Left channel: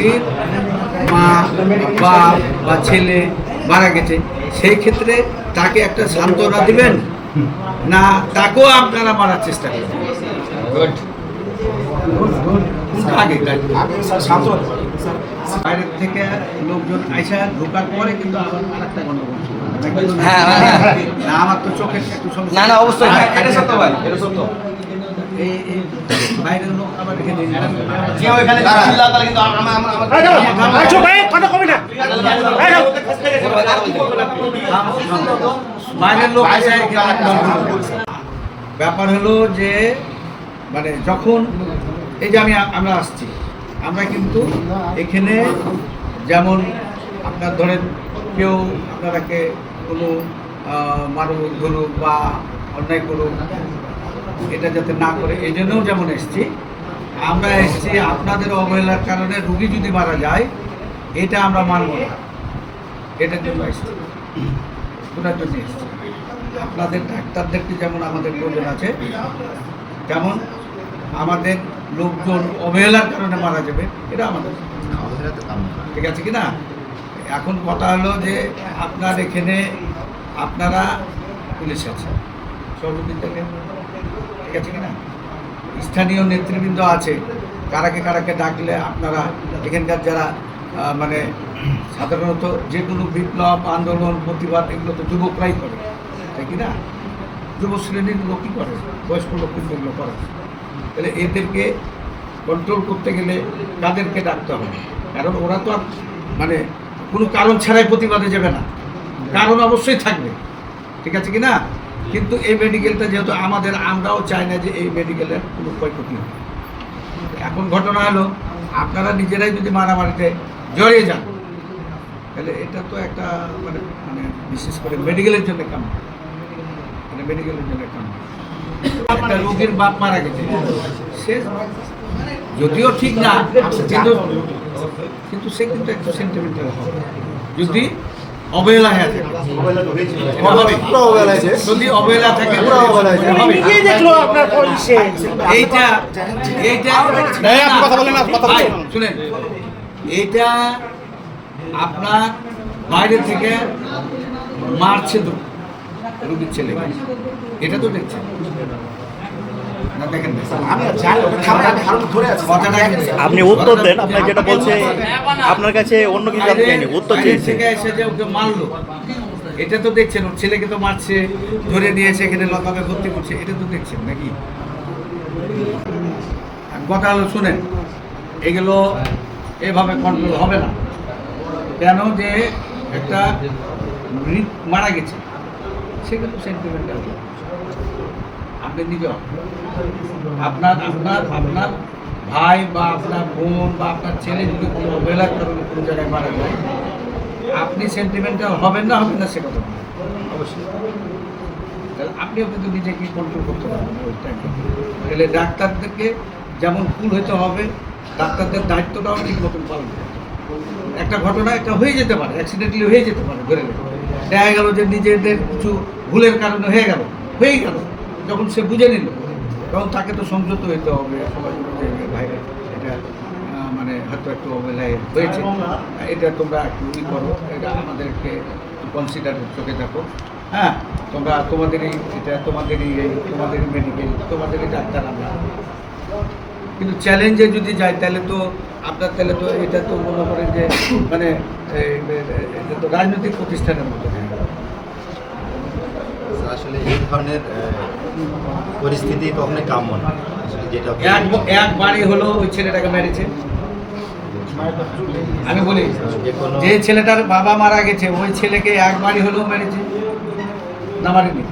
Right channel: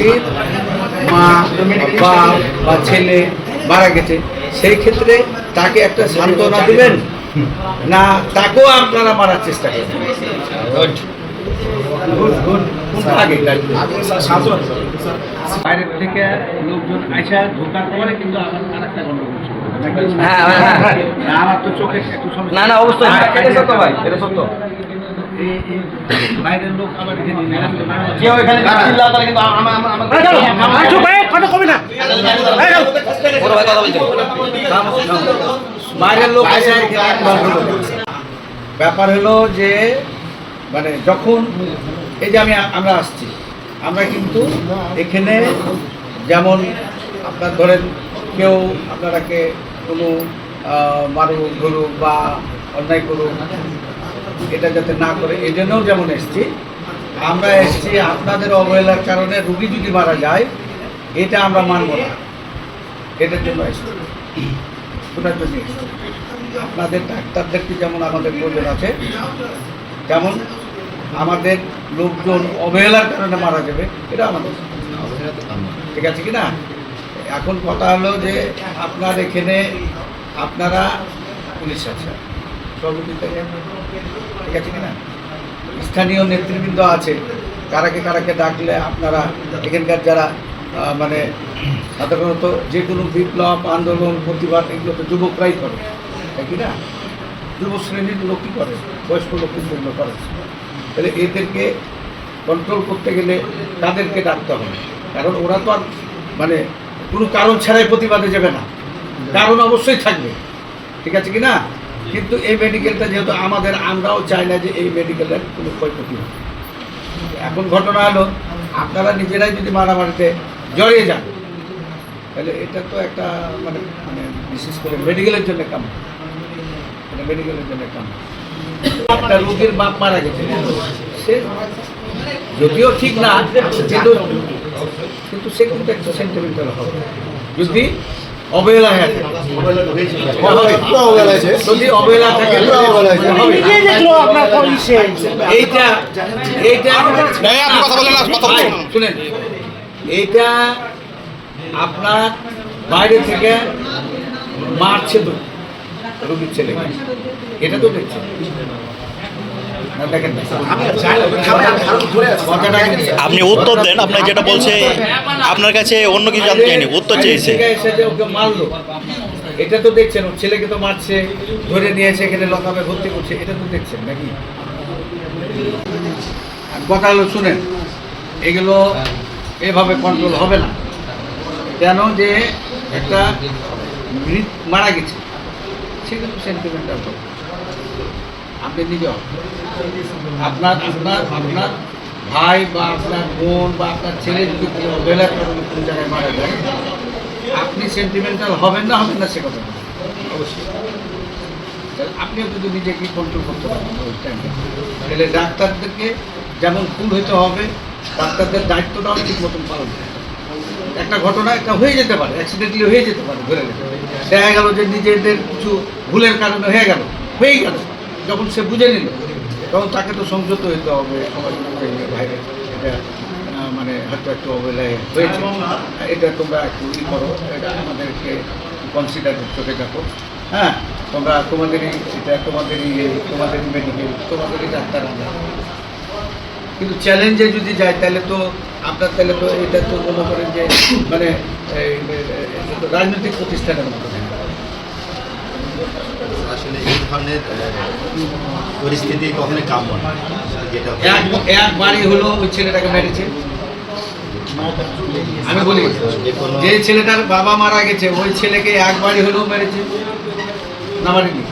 রোগীর মা বাপ বা ছেলে মারা গেছে, সেই ক্ষেত্রে তাকে একটা সান্ত্বনা দিবেন না তাকেও আপনারা মারার চেষ্টা করবেন? বাইরের থেকে লোকজন আইসা ঢোকার পরে কিন্তু আমার আরেকটা গন্ডগোল ছিল। আমার তো চোখে একটু সমস্যা। না না অবশ্যই এটা সত্য ভাই, এটা সত্য। বাইরের লোক আবার যে ওইখানে চিল্লা তাহলে কিন্তু বাইরের লোক ব্যাপার হলো যে মানে যখন এই যে আমরা আসছি, আমরা কিন্তু এখানে যেমন আপনার ধরেন কেউ আপনারাকে কোনো মারুক ধরুক বা অন্যায় করুক, এটা যাতে না করে এই জন্যও যেমন এসছি। আমরা এসছি আপনাদের অবহেলার কারণে রুগী যদি মারা যায় এটা আমরা মানব না, এটার জন্য এসছি, ওটার জন্য এসছি। আপনাদের ডাক্তারদেরকে যেমন আমাদের প্রয়োজন আছে, যেমন আমাদের লোকজন অবহেলার কারণে মারা যাবে এটা আমাদের, ঠিক আছে কি না? এখন কথা হলো যে আপনার এখানে আপনারা পুলিশ আছে সর্বদিন থেকে, ঠিক আছে কি না? স্থানীয় নেতৃবৃন্দ আছে, কারাকে ডাকলে আপনারা এখানকার যারা মানে সাধারণত যে কোনো বিপ্লব আন্দোলন প্রতিবাদ এগুলো তো যুবকরাই করে, তাই কি না? যুব শ্রেণীর লোকই করে, বয়স্ক লোক কিন্তু করে। তাহলে এদেরকে কন্ট্রোল করতে গেলে তাদেরকে ডাকতে হবে, কারণ ওরা তো আর মানে কোনো কারণ ছাড়াই প্রতিবাদে যাবে না, কারণ অবশ্যই থাকবে, ঠিক আছে কি না? কিন্তু এই মেডিকেলটা যেহেতু আমাদের, আমরাও চাই না যে এই মেডিকেলের কোনো ক্ষয়ক্ষতি হয়। এখন ঘটনা হলো আপনারা নিজেরাই যদি মারামারিতে জড়িয়ে যান তাহলে এটা তো একটা মানে মানে বিশেষ করে মেডিকেলের জন্য কাম, এটা মেডিকেলের জন্য কাম। একটা রোগীর বাপ মারা গেছে, সে যদিও ঠিক না কিন্তু সে কিন্তু একটা সেন্টিমেন্টাল হবে যদি অবহেলা হয়ে থাকে, যদি অবহেলা থাকে শুনেন, এইটা আপনার বাইরে থেকে মারছে তো রোগীর ছেলে, এটা তো দেখছেন। আপনি উত্তর দেন, আপনার যেটা বলছে আপনার কাছে অন্য কিছু জানতে চাইনি, উত্তর চেয়েছে। ওকে মারলো এটা তো দেখছেন, ওর ছেলেকে তো মারছে, ধরে নিয়েছে এখানে লকাপে ভর্তি করছে, এটা তো দেখছেন নাকি? কথা হলো শুনেন, এগুলো এভাবে কন্ট্রোল হবে না। কেন যে একটা মারা গেছে সেগুলো সেন্টিমেন্টাল, আপনি নিজেও আপনার ভাই বা আপনার বোন বা আপনার ছেলে যদি কোনো অবহেলার কারণে কোনো জায়গায় মারা যায়, আপনি সেন্টিমেন্টাল হবেন না সে কথা অবশ্যই। আপনিও যদি নিজেকে কন্ট্রোল করতে পারেন ওই টাইমে, তাহলে ডাক্তারদেরকে যেমন কুল হতে হবে, ডাক্তারদের দায়িত্বটাও ঠিক মতন পালন করতে হবে। একটা ঘটনা একটা হয়ে যেতে পারে, অ্যাক্সিডেন্টলি হয়ে যেতে পারে, ধরে দেখা গেল যে নিজেদের কিছু ভুলের কারণে হয়ে গেল, যখন সে বুঝে নিল তখন তাকে তো সংযত হতে হবে, সবাই ভাইরা এটা মানে হয়তো একটু অবহেলায় হয়েছে, এটা তোমরা একটু ই করো, এটা আমাদেরকে কনসিডার চোখে দেখো, হ্যাঁ তোমরা তোমাদেরই এটা তোমাদেরই মেডিকেল তোমাদেরই ডাক্তার আমরা। কিন্তু চ্যালেঞ্জে যদি যায় তাহলে তো আপনার তাহলে তো এটা তো মনে করেন যে মানে এটা তো রাজনৈতিক প্রতিষ্ঠানের মতো। আসলে এই ধরনের পরিস্থিতি কখনোই কাম্য না। যেটা এক বাড়ি হলো ওই ছেলেটাকে মেরেছে, আমি বলি যে ছেলেটার বাবা মারা গেছে ওই ছেলেকে এক বাড়ি হলেও মেরেছে না, মারেনি?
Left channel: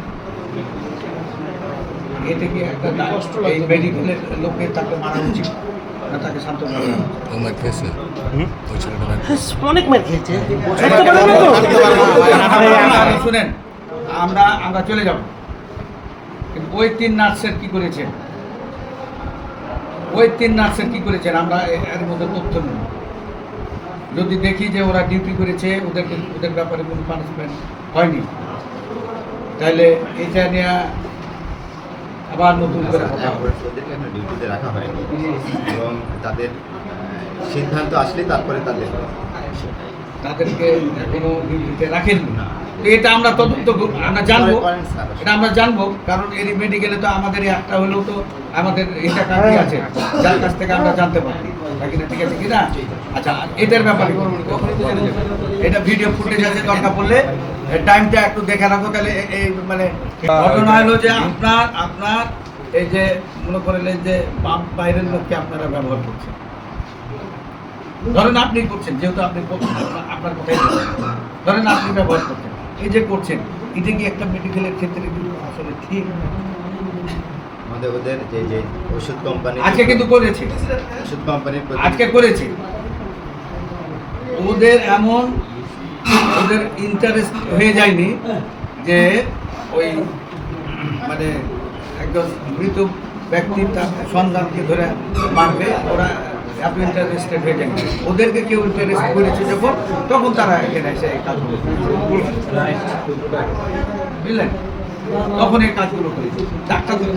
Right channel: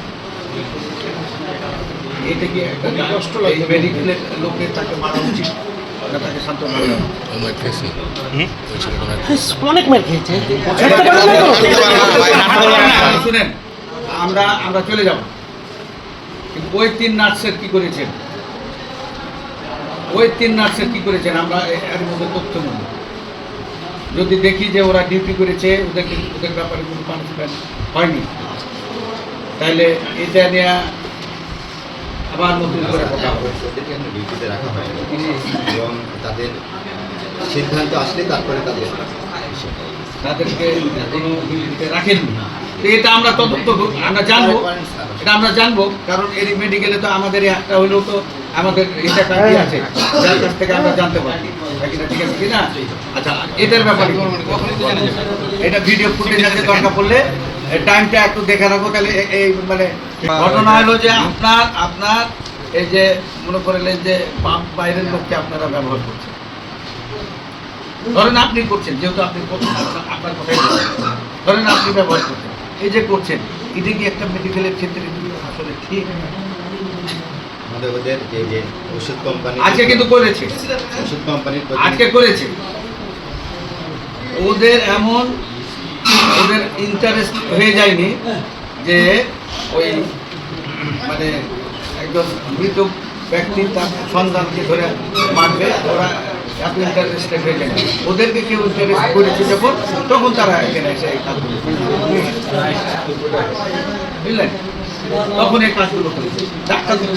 এটা কি একটা মেডিকেলের লোকের তাকে মারা উচিত না তাকে শান্ত শুনেন? আমরা চলে যাব, কিন্তু ওই তিন নার্সের কি করেছেন, আমরা এর মধ্যে তথ্য নেব। যদি দেখি যে ওরা ডিউটি করেছে, ওদের ব্যাপারে কোনো পানিশমেন্ট হয়নি, তাহলে এটা নিয়ে আবার নতুন করে ডিউটিতে রাখা হয় এবং তাদের সিদ্ধান্ত আসলে তারপরে তাদের তাদেরকে কোনো বিবৃতিতে রাখেননি। তো এটা আমরা তদন্ত আমরা জানবো, এটা আমরা জানবো, কারণ এই মেডিকেলে তো আমাদের একটা হলেও তো আমাদের এটা কাজই আছে, যার কাছ থেকে আমরা জানতে পারি নাকি না, ঠিক আছে কি না? আচ্ছা, আর এদের ব্যাপারে এটা ভিডিও ফুটেজ আছে, দরকার পড়লে টাইমটা একটু দেখে রাখবো। তাহলে এই মানে ঘটনা হলো যে আপনার এই যে মনে করলেন যে বাইরের লোককে আপনারা ব্যবহার করছেন, ধরেন আপনি করছেন, যেহেতু আপনি আপনার কথাই ধরেন আপনি ব্যবহার করছেন, এই যে করছেন, এটা কি একটা মেডিকেলের ক্ষেত্রে কিন্তু আসলে ঠিক? আমাদের ওদের যে ওষুধ কোম্পানি আজকে কিন্তু করেছে, ওষুধ কোম্পানির আজকে করেছে, ওদের এমন ওদের ইন্টারেস্ট হয়ে যায়নি যে ওই মানে একজন মৃত ব্যক্তি তার সন্তানকে ধরে মারবে, ওরা এত ইন্টারেস্টেড হয়ে যায়। ওদেরকে কেউ ইন্টারেস্ট করেছে যখন, তখন তারা এখানে এসে এই কাজগুলো করেছে। বুঝলেন? তখন এই কাজগুলো করেছে।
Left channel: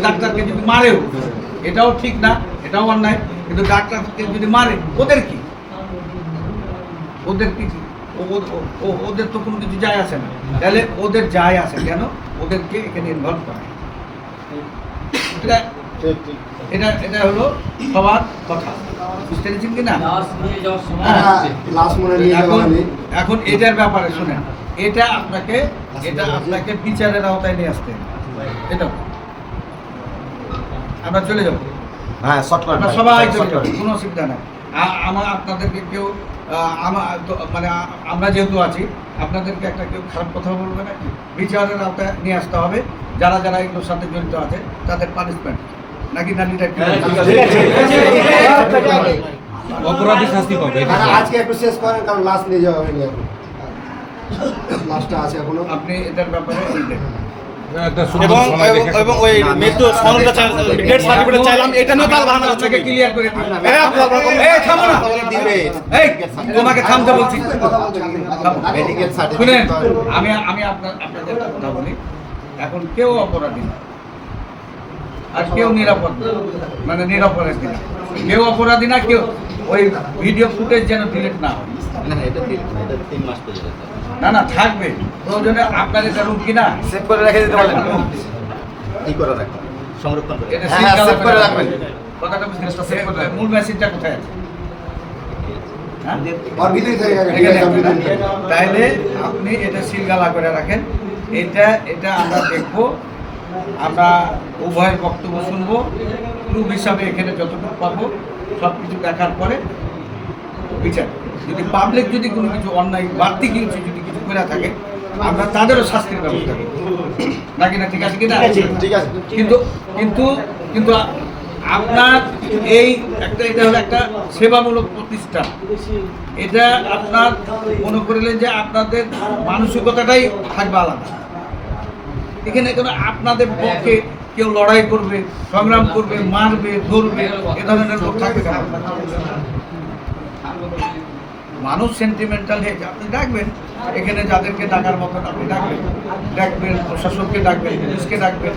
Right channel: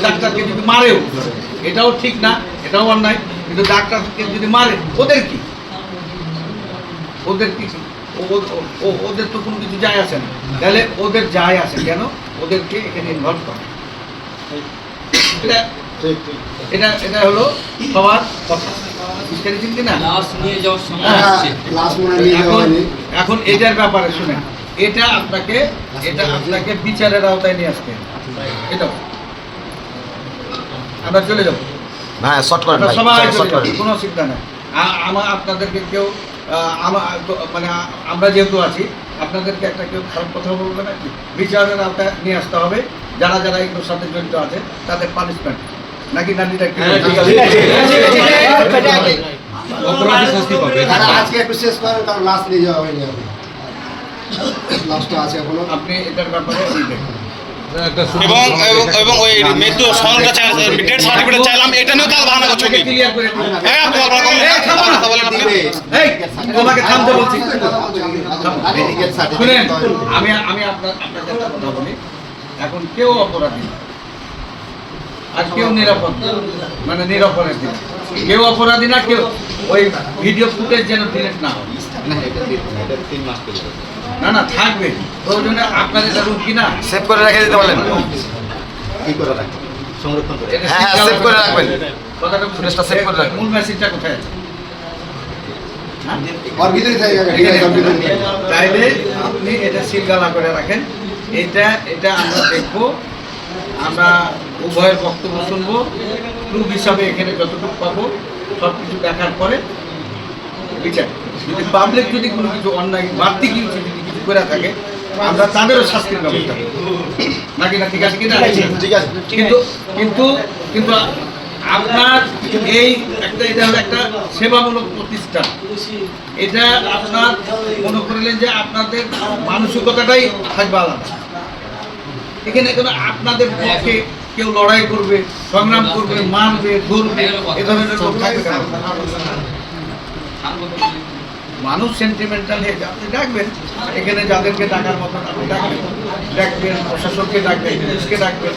ডাক্তারকে যদি মারেও, এটাও ঠিক না, এটাও অন্যায়, কিন্তু ডাক্তারকে যদি মারে, ওদের কি? ওদের কি? ওদের তো কোনো কিছু যায় আসে না। তাহলে ওদের যায় আসে কেন? ওদেরকে এখানে ইনভলভ করে। এটা এটা হলো সবার কথা, বুঝতে পেরেছেন কিনা? এখন এটার ব্যাপারে শুনে, এটা আপনাকে বিচারের আওতায় নিয়ে আসতে হবে। এটা আমরা চলে যাবো, আমরা সবাই চলে যাবো, কোনো চিন্তা নেই। আমার আপনাদেরকে কেউ মানে আমরা যেহেতু আছি, আপনাদেরকে একটা কেউ খারাপ কথা বলবে না, বিচারের আওতায় নিয়ে আসতে হবে। যারা যারা এগুলোর সাথে জড়িত আছে তাদের পানিশমেন্ট নাকি নানিটা অপরাধী শাস্তি পাবে। আজকে একটু শেষ করেন, কারণ লাস্ট নিয়ে যাওয়া হয়নি এখন, লাস্টটা আছে এখনো। আপনি এটার ব্যাপারে দেখুন। এবং এবং ওই মৃত্যু সনদটা ডেথ সার্টিফিকেট চাইলাম, এটা নিয়েও তাহলে বাহানা করছে কি? ক্লিয়ার করে দিন। এই আপনি বারবার বলেন, এই থামো না। কথা বলেন আপনি। এই তোমাকে থামতে বলছি। মেডিকেল শুনেন, সার্টিফিকেট আমি আপনাদের কথা বলি। এখন কেউ অপরাধী না, আর কেউ নিরাপদ না, মানে নিরাপরাধী না। কেউ অপরাধী না, কেউ ওই ভিডিও ফুটেজ যেন ডিলিট না হয়। না, এটা 3 মাস পর্যন্ত না থাকবে, প্রয়োজনে আপনার এটা রুট কিনা সেভ করে রেখে দিতে বলেন। কি করে রাখবেন, সংরক্ষণ করে এটা হ্যাঁ, সিল সেভ করে রাখবেন। কথাটা জিনিসটা সেভ করে রাখবেন। মূল মেসেজটা কোথায় আছে? হ্যাঁ? और ভিতরে থেকে গেছে, তাইলে আপনি এটা সিলগালা করে রাখেন। এটা আমরা দেখবো, আমরা উভয়ের বক্তব্য শুনবো, প্রুফ হিসাবে এখানে যতটুকু পাবো সব কিছু দেখার পরে বিচার। যদি পাবলিক যদি কোনো কিছু অন্যায় বাড়তি কিছু করে থাকে, আমরা তাদেরও শাস্তির ব্যবস্থা করব নাকি না, ঠিক আছে কিনা? ঠিক আছে। কিন্তু কিন্তু কিন্তু আপনার এই এটা হলো একটা সেবামূলক প্রতিষ্ঠান। এটা আপনার মনে করলেন যে আপনাদের মানসিকতাটাই থাকবে আলাদা। এখানে কোনো আপনাদের পক্ষে কেউ লড়াই করবে, সংগ্রাম করবে, মারবে, ধরবে, এ ধরনের লোক থাকবে না। মানুষ সেন্টিমেন্টাল হয়ে যায়, আপনি ডাকবেন এখানে যাদেরকে ডাকার মতো আপনি ডাকবেন, প্রশাসনকে ডাকবেন, পুলিশকে ডাকবেন,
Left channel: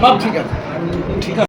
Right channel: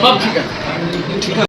সব ঠিক আছে।